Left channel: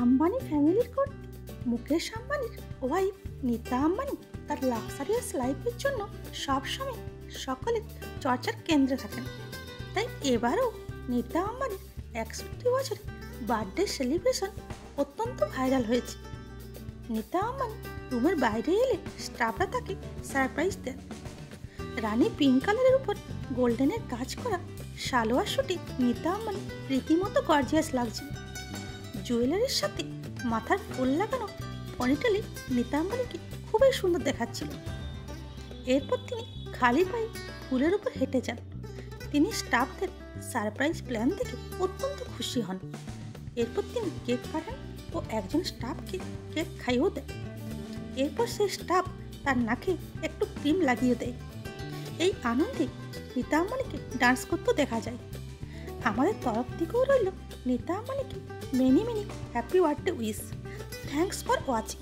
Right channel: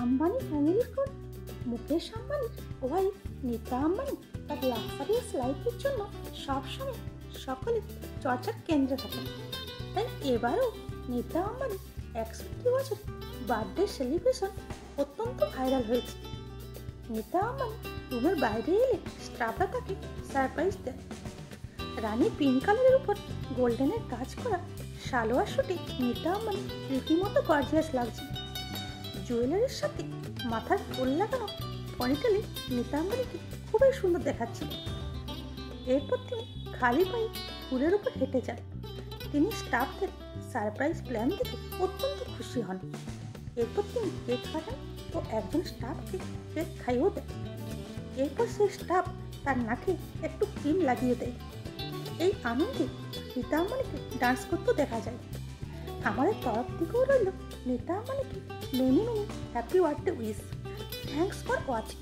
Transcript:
আম্বানি ফ্যামিলির পর মুকেশ আম্বানির ওয়াইফ নীতা আম্বানি তার লাক্সারিয়াস লাইফের জন্য সবসময় সকলের চর্চার কেন্দ্রে থাকেন। তাই এবারও নীতা আম্বানির 61 বছরের বার্থডে সেলিব্রেশন অত্যন্ত ভাইরাল হয়েছে। নীতা আম্বানি রুমের বাইরে এলে স্টাফরা তাকে সারপ্রাইজ দেন। রানী পিঙ্ক কালারের উপর গোল্ডেনের কাজ করা সালোয়ার শুটে নীতা আম্বানি রীতিমতো গর্জিয়াস লাগছে। জুয়েলারির সাথে মাথার ফুল লাগানো পনিটেলে নীতা আম্বানিকে খুবই সুন্দর দেখাচ্ছিল। এরপর তিনি খালি পায়ে ফুলের উপর হেঁটে যান। তিনি স্টাফদের সারপ্রাইজ প্ল্যান দেখে অত্যন্ত খুশি হন। এরপর তিনি কেক কাটেন ও একজন স্টাফকে কেক খাইয়েও দেন। এরপর সেই স্টাফ তার নাকে একটু ক্রিম লাগিয়ে দেয়। এই আনন্দে নীতা আম্বানিকে ডান্স করতেও দেখা যায়। আমাদের তরফ থেকেও রইল নীতা আম্বানিকে many happy birthday wish. Thanks for watching.